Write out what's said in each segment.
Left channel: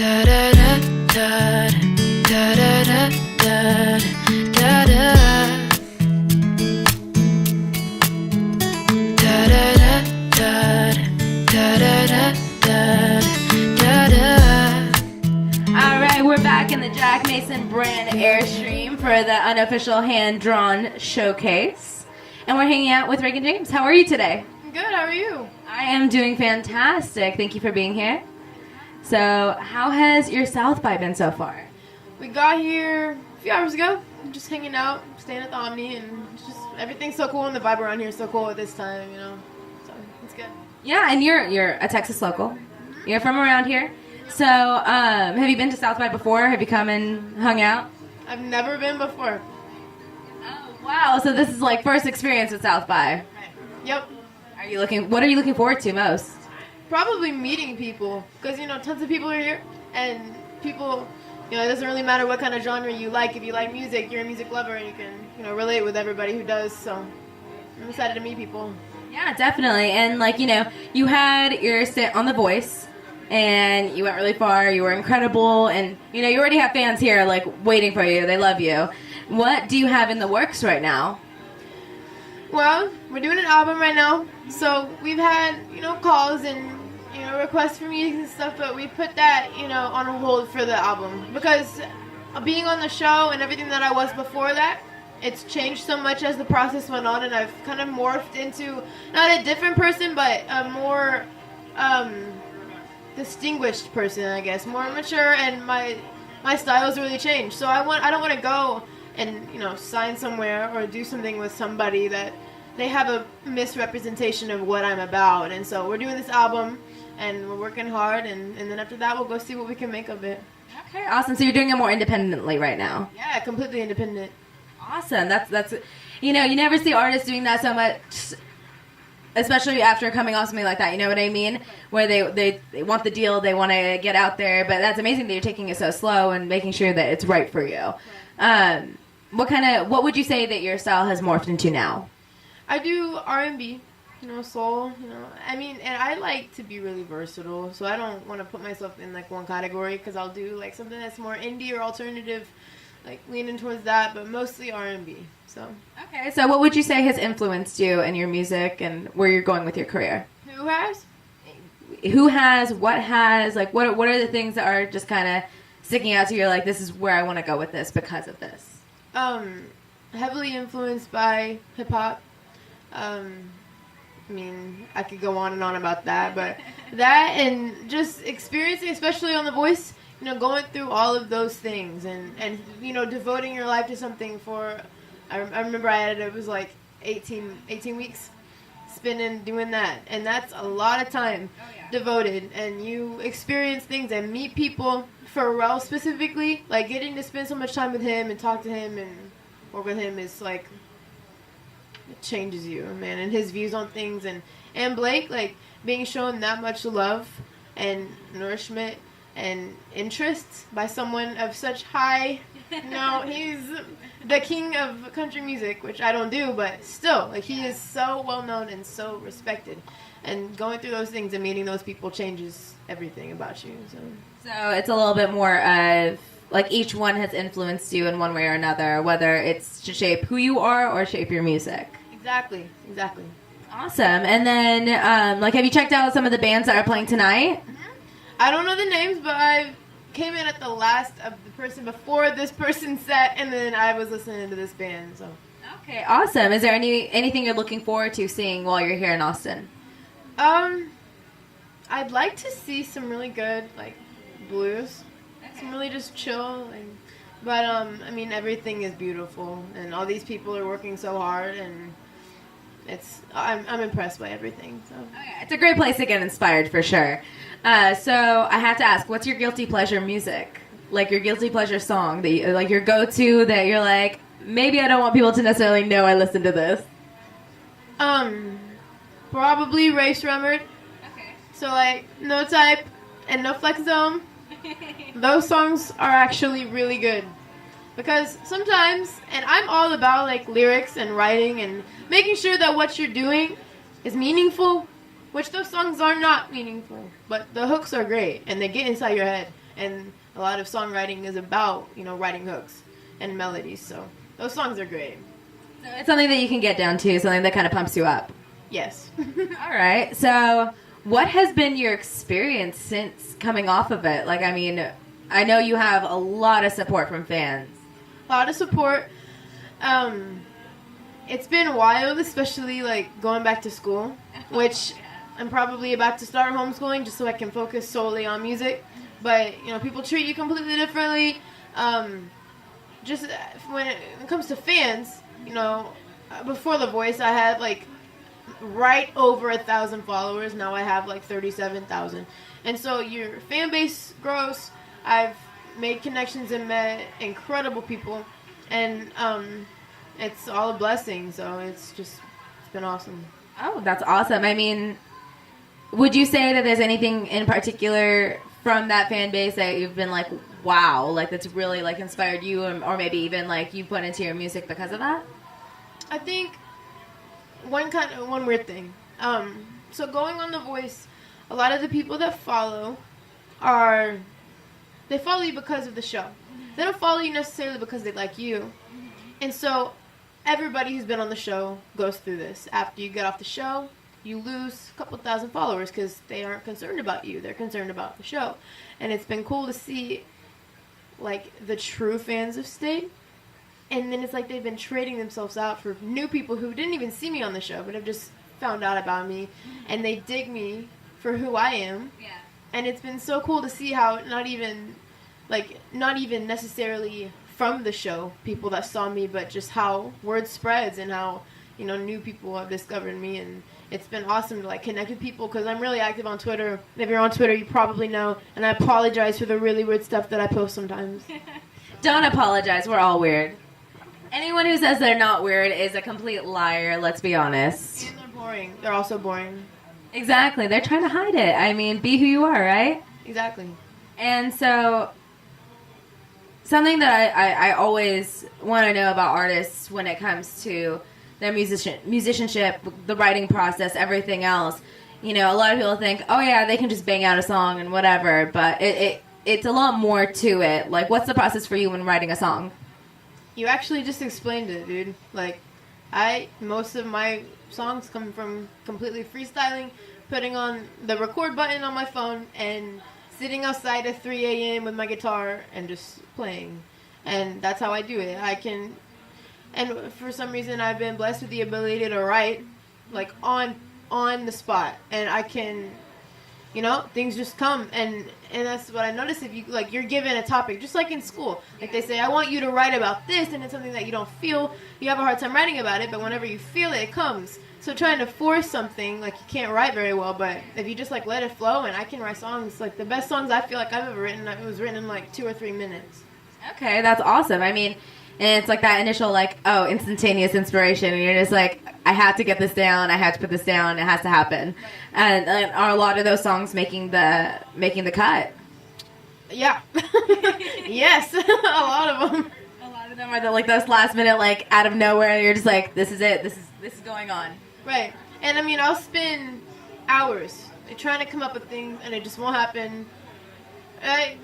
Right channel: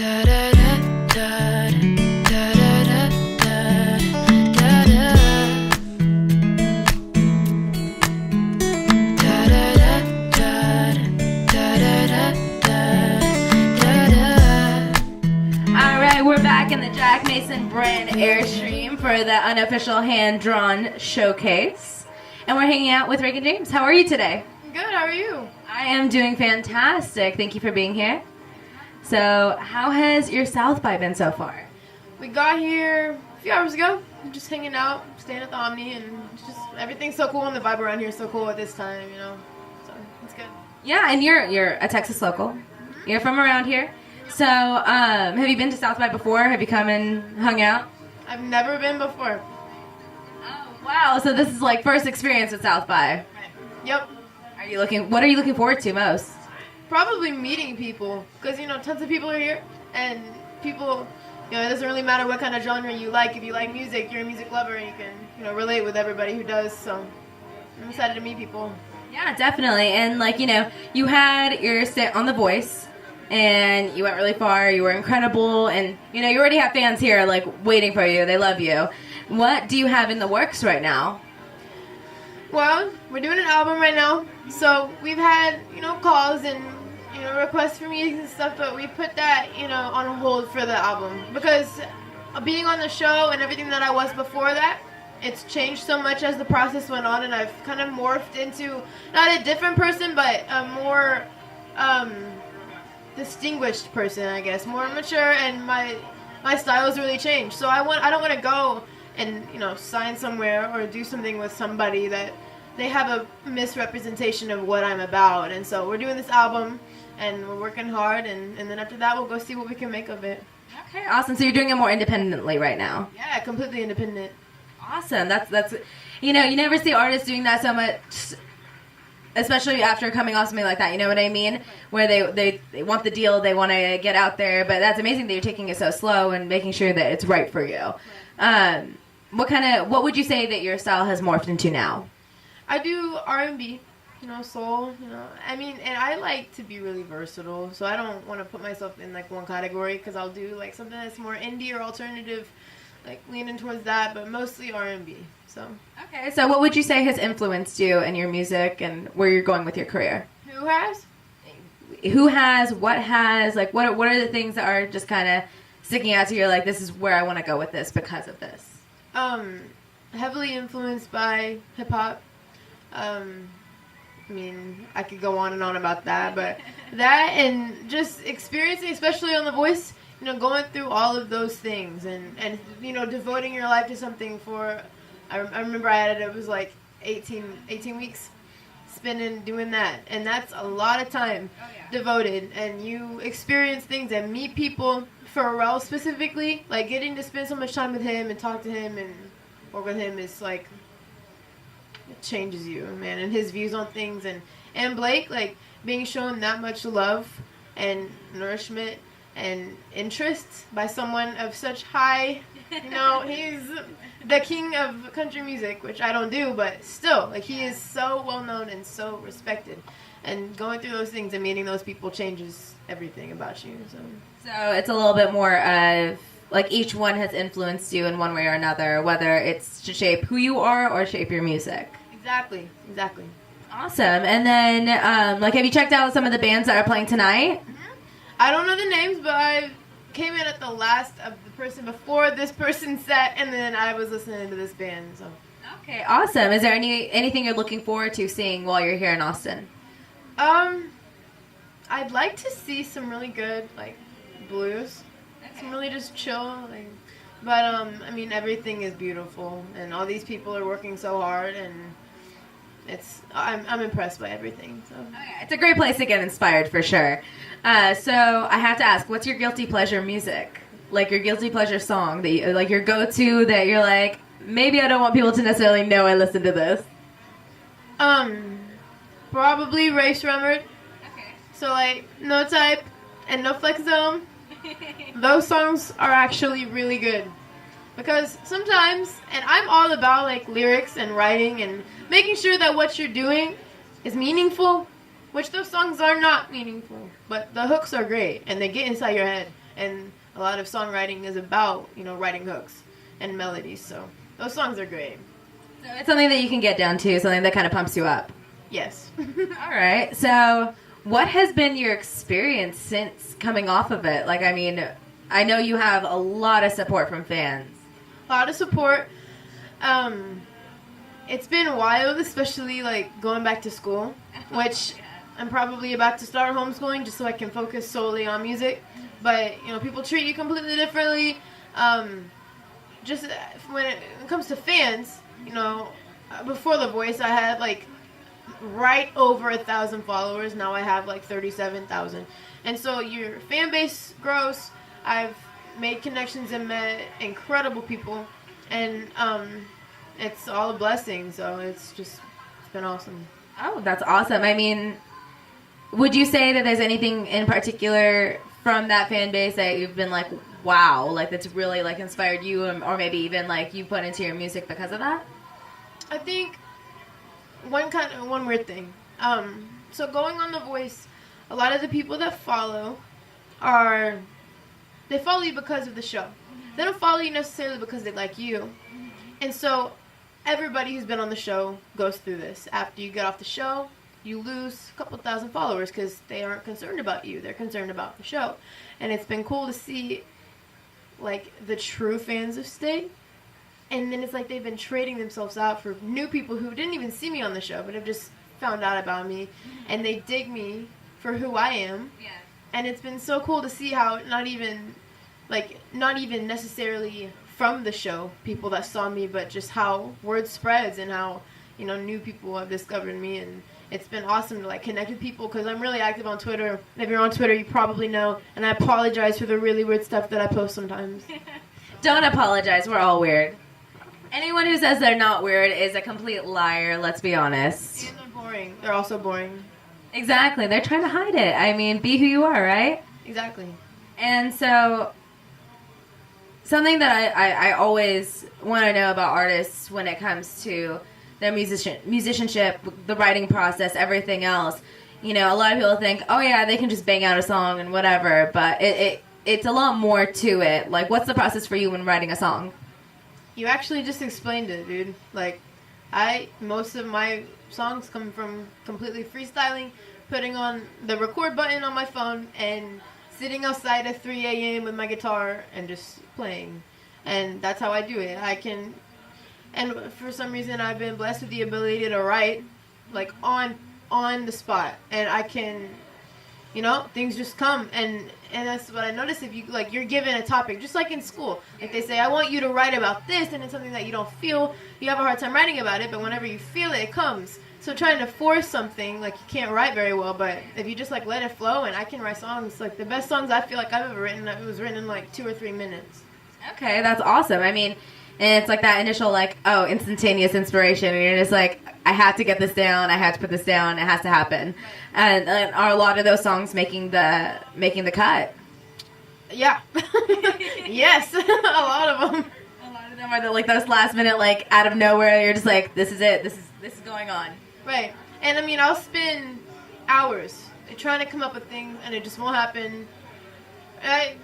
da da da da da da da da da da. Da da da da da da da da. All right, we're back in the Jack Mason brand Airstream for the Unofficial hand-drawn showcase. And we're hanging out with Reagan James. How are you today? Good, how are you? I am doing fantastic. Thank you for being here. So, how has your South by been so far? We got here a few hours ago. I'm just hanging out, staying at the Omni, and it's just everything's so cool, and the vibe around here is so cool at this time, you know. So it's good. Yeah, and you're a Texas local. You're from around here. So, have you been to South by before? Have you come and hung out? I've never been before. Oh, wow. So this is like first experience with South by. Right. Yep. What are you looking forward to most? Probably meeting people, because you know tons of people are here, and people, you know, it doesn't really matter what kind of genre you like. If you like music, you're a music lover, and you can relate with everybody who does. So I'm excited to meet people. Yeah, definitely. And you had your stint on The Voice, and you went really far. You were incredible, and you already have fans here like waiting for you. They love you. What do you have in the works right now? Well, we're doing an album right now, so we've had calls and requests for meetings and stuff, but we put that on hold for the album because being on the show and everything that I was before that, it's changed so much as the process went on, and I've kind of morphed into not a different person, but a more distinguished person, I guess, more mature, and my style's really changed. So I don't want to go and sign somewhere or do something with somebody that they have a misrepresentation of what I'm about. And so we're doing this album and we're working hard, and then after that we'll go see what we can make of it. Okay, awesome. So you're doing it more independently right now. Yeah, completely independent. Awesome. That's you never see artists doing that so much, especially after coming off something like that, you know what I mean? Where they want the deal, they want to get out there, but that's amazing that you're taking it so slow and making sure that it's right for you. What would you say that your style has morphed into now? I do R&B, soul, and I like to be really versatile, so I don't want to put myself in like one category, because I'll do like something that's more indie or alternative, like leaning towards that, but mostly R&B. So okay, so what would you say has influenced you in your music and where you're going with your career? Who has? What has, like what are the things that are just kind of sticking out to you, like this is where I want to go with this because of this? Heavily influenced by hip hop. I could go on and on about that, but that and just experiencing, especially on The Voice, going through all of those things and devoting your life to something for, I remember it was like 18 weeks spending doing that, and that's a lot of time devoted, and you experience things and meet people. Pharrell specifically, like getting to spend so much time with him and talk to him and work with him is like, it changes you, man, and his views on things, and Blake, like being shown that much love and nourishment and interest by someone of such high, he's the king of country music, which I don't do, but still, like he is so well known and so respected, and going through those things and meeting those people changes everything about you. So it's a little bit more of like each one has influenced you in one way or another, whether it's to shape who you are or shape your music. Exactly. Awesome. And then, have you checked out some of the bands that are playing tonight? Mm-hmm. I don't know the names, but I came in at the last of the person before this person set, and then I was listening to this band. So. Okay, awesome. Is there anything you're looking forward to seeing while you're here in Austin? I'd like to see some really good, like, blues. Some really just chill, but everything is beautiful, and all these people are working so hard, and I'm impressed by everything. So it's a great place to get inspired for sure. So I have to ask, what's your guilty pleasure music? Like your guilty pleasure song that like your go-to that you're like, maybe I don't want people to necessarily know I listen to this. Probably Race Rumored. Okay. So like No Type and No Flex Zone. Those songs are actually really good, because sometimes, and I'm all about like lyrics and writing and making sure that what you're doing is meaningful, which those songs are not meaningful, but the hooks are great and they get inside your head and a lot of songwriting is about, writing hooks and melodies. So those songs are great. So it's something that you can get down to, something that kind of pumps you up. Yes. All right. So what has been your experience since coming off of it? Like, I mean, I know you have a lot of support from fans. A lot of support. It's been wild, especially like going back to school, which I'm probably about to start homeschooling just so I can focus solely on music. But, people treat you completely differently. Just when it comes to fans, before The Voice, I had like right over 1,000 followers. Now I have like 37,000. And so your fan base grows. I've made connections and met incredible people. And it's all a blessing. So it's been awesome. Oh, that's awesome. I mean, would you say that there's anything in particular from that fan base that you've been like, wow, like that's really like inspired you, or maybe even like you put into your music because of that? I think one weird thing. So going on The Voice, a lot of the people that follow they follow you because of the show. They don't follow you necessarily because they like you. And so everybody who's been on the show goes through this. After you get off the show, you lose a couple thousand followers because they aren't concerned about you. They're concerned about the show. And it's been cool to see, like, the true fans of State. And then it's like they've been trading themselves out for new people who didn't even see me on the show, but have just found out about me. And they dig me for who I am. Yeah. And it's been so cool to see how not even necessarily from the show, people that saw me, but just how word spreads and how, new people have discovered me. And it's been awesome to like connect with people because I'm really active on Twitter. If you're on Twitter, you probably know. And I apologize for the really weird stuff that I post sometimes. Don't apologize. We're all weird. Anyone who says they're not weird is a complete liar, let's be honest. And they're boring. They're also boring. Exactly. They're trying to hide it. I mean, be who you are, right? Exactly. And so something that I always want to know about artists when it comes to their musicianship, the writing process, everything else. A lot of people think, oh yeah, they can just bang out a song and whatever, but it's a lot more to it. Like, what's the process for you when writing a song? You actually just explained it, dude. Like, most of my songs come from completely freestyling, putting on the record button on my phone, and sitting outside at 3 a.m. with my guitar and just playing. And that's how I do it. And for some reason, I've been blessed with the ability to write, like, on the spot. And I can, things just come. And that's what I noticed. If you're given a topic, just like in school. Like, they say, I want you to write about this, and it's something that you don't feel. You have a hard time writing about it, but whenever you feel it, it comes. So trying to force something, like, you can't write very well. But if you just, like, let it flow, and I can write songs, like, the best songs I feel like I've ever written, it was written in, like, 2 or 3 minutes. Okay, that's awesome. I mean, and it's like that initial, like, instantaneous inspiration. And you're just like, I have to get this down. I have to put this down. It has to happen. And are a lot of those songs making the cut? Yeah. Yes, a lot of them. A lot of them are like those last minute, like, out of nowhere. You're just like, this is it. This is going on. Right. And I mean, I'll spend hours trying to come up with things, and it just won't happen.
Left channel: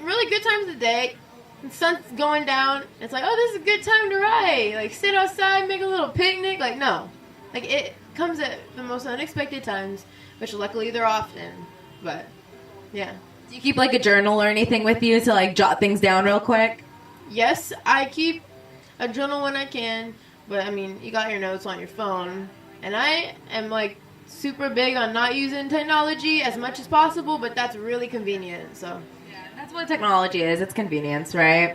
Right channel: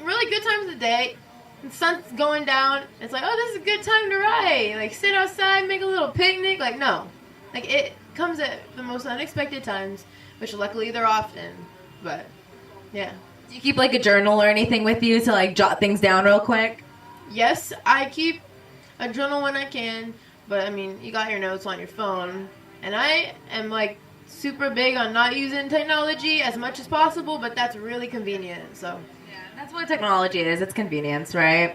Really good times of the day. The sun's going down. It's like, oh, this is a good time to write. Like, sit outside, make a little picnic. Like, no. Like, it comes at the most unexpected times, which luckily they're often. But, yeah. Do you keep, like, a journal or anything with you to, like, jot things down real quick? Yes, I keep a journal when I can. But, I mean, you got your notes on your phone. And I am, like, super big on not using technology as much as possible, but that's really convenient, so... That's what technology is. It's convenience, right?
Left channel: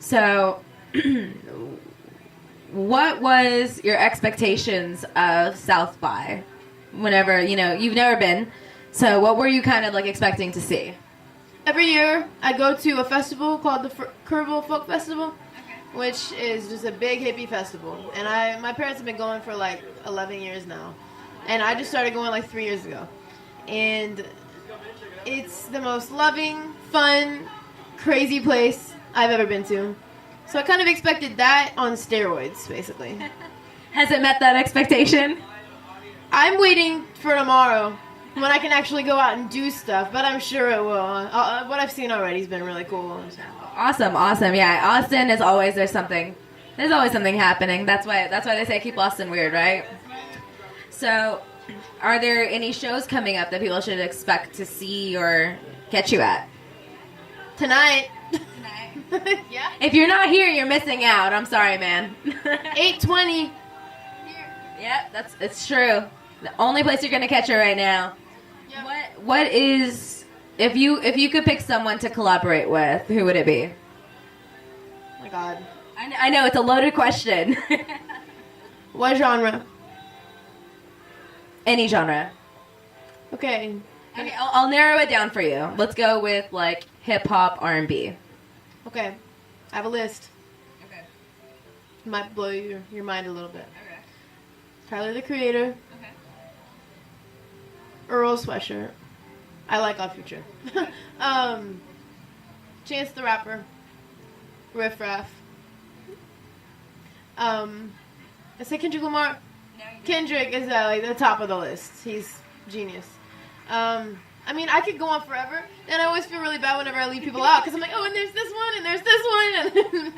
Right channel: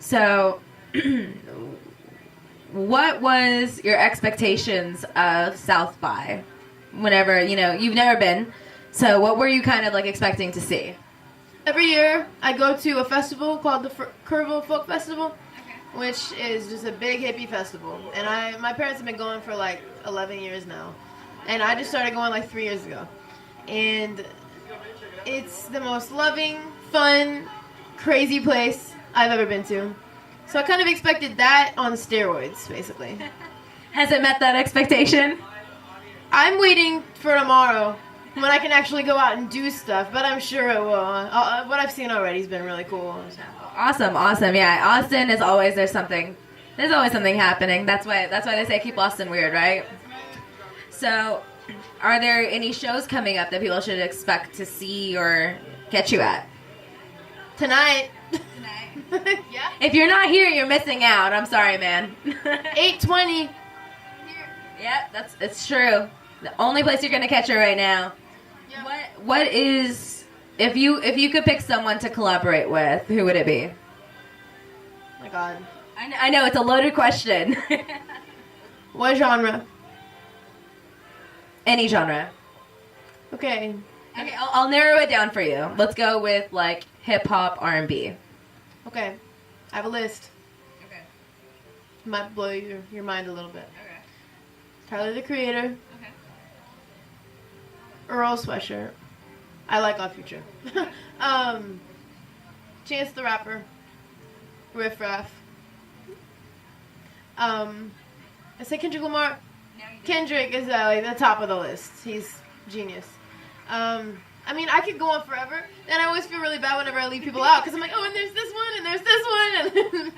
So, what was your expectations of South by? Whenever, you've never been. So, what were you kind of, like, expecting to see? Every year, I go to a festival called the Kerrville Folk Festival, which is just a big hippie festival. And my parents have been going for, like, 11 years now. And I just started going, like, 3 years ago. And... it's the most loving, fun, crazy place I've ever been to. So I kind of expected that on steroids, basically. Has it met that expectation? I'm waiting for tomorrow when I can actually go out and do stuff. But I'm sure it will. What I've seen already has been really cool. So. Awesome. Yeah, Austin is always there's always something happening. That's why they say keep Austin weird, right? So, are there any shows coming up that people should expect to see or catch you at? Tonight. Yeah. If you're not here, you're missing out. I'm sorry, man. 8:20. Yeah, it's true. The only place you're gonna catch her right now. Yeah. What is if you could pick someone to collaborate with, who would it be? Oh my God. I know it's a loaded question. What genre? Any genre. Okay. I'll narrow it down for you. Let's go with like hip hop, R&B. Okay. I have a list. Okay. Might blow your mind a little bit. Okay. Tyler the Creator. Okay. Earl Sweatshirt. I like Odd Future. Chance the Rapper. Riff Raff. I say Kendrick Lamar. Kendrick is like the top of the list. He's genius. I mean, I could go on forever, and I always feel really bad whenever I leave people out because I'm like, oh, and there's this one, and there's this one,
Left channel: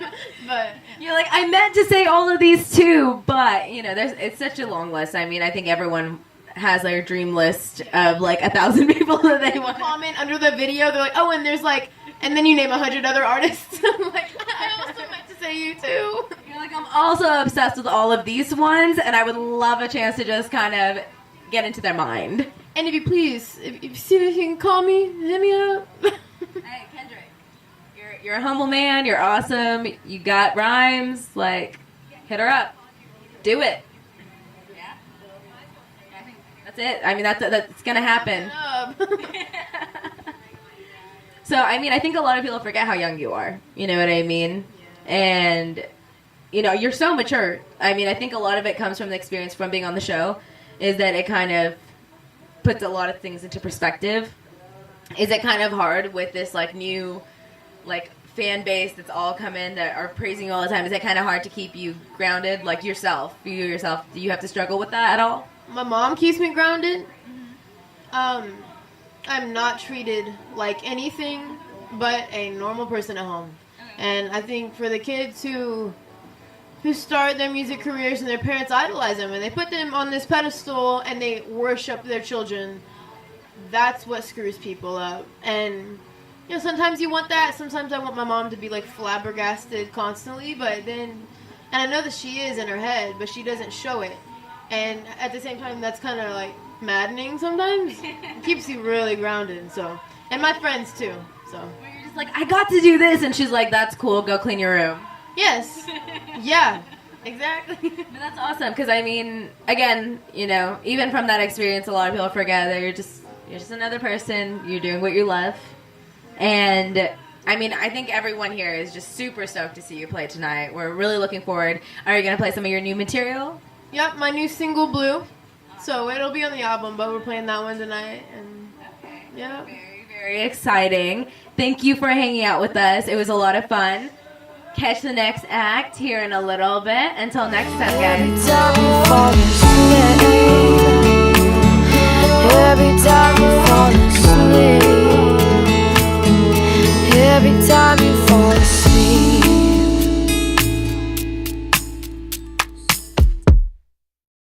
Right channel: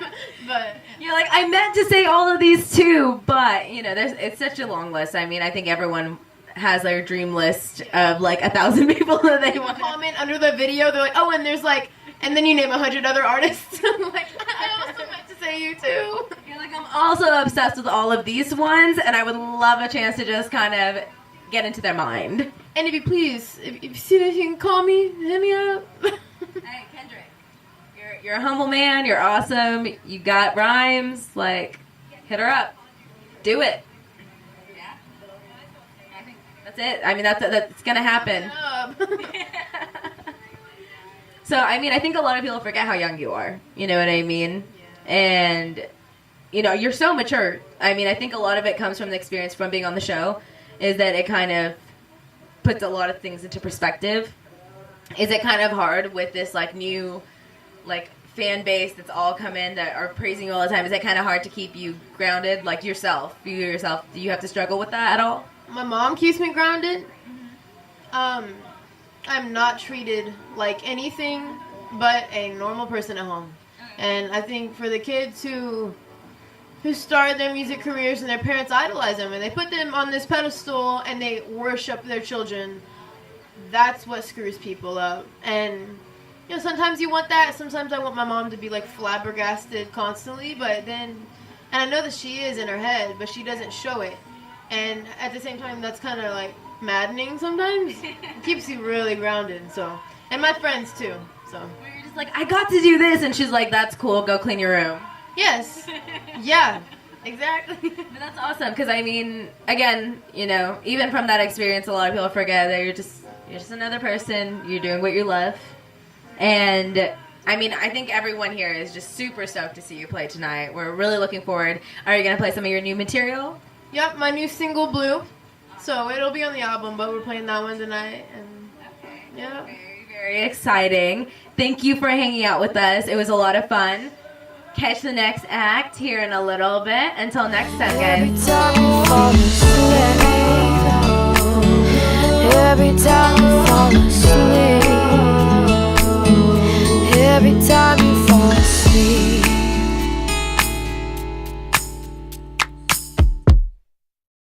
but you're like, I meant to say all of these too, but it's such a long list. I mean, I think everyone has their dream list of like 1,000 people that they want. Comment under the video, they're like, oh, and there's like, and then you name 100 other artists. I'm like, I also meant to say you too. You're like, I'm also obsessed with all of these ones, and I would love a chance to just kind of get into their mind. And if you please, if you see this, you can call me, hit me up. Hey, Kendrick, you're a humble man. You're awesome. You got rhymes. Like, hit her up. Do it. Yeah. I think that's it. I mean, that's gonna happen. So, I mean, I think a lot of people forget how young you are. You know what I mean? And you're so mature. I mean, I think a lot of it comes from the experience from being on the show. Is that it kind of puts a lot of things into perspective. Is it kind of hard with this like new like fan base that's all come in that are praising you all the time? Is it kind of hard to keep you grounded, like yourself? Do you have to struggle with that at all? My mom keeps me grounded. I'm not treated like anything but a normal person at home. And I think for the kids who start their music careers and their parents idolize them and they put them on this pedestal and they worship their children, that's what screws people up. And sometimes you want that. Sometimes I want my mom to be like flabbergasted constantly, but then, and I know that she is in her head, but she doesn't show it. And at the same time, that's kind of like maddening sometimes. It keeps you really grounded. So, and my friends too. So you're just like, I got to do this, and she's like, that's cool. Go clean your room. Yes. Yeah. Exactly. But that's awesome because I mean, again, even from that experience, a lot of people forget that you're just another person. You're doing what you love, and I mean, I think everyone here is just super stoked to see you play tonight. We're really looking forward. Are you gonna play some of your new material? Yep, my new single Blue. So it'll be on the album, but we're playing that one tonight, and yeah, very, very exciting. Thank you for hanging out with us. It was a lot of fun. Catch the next act here in a little bit. Until next time, guys. Every time you fall asleep, every time you fall asleep, every time you fall asleep.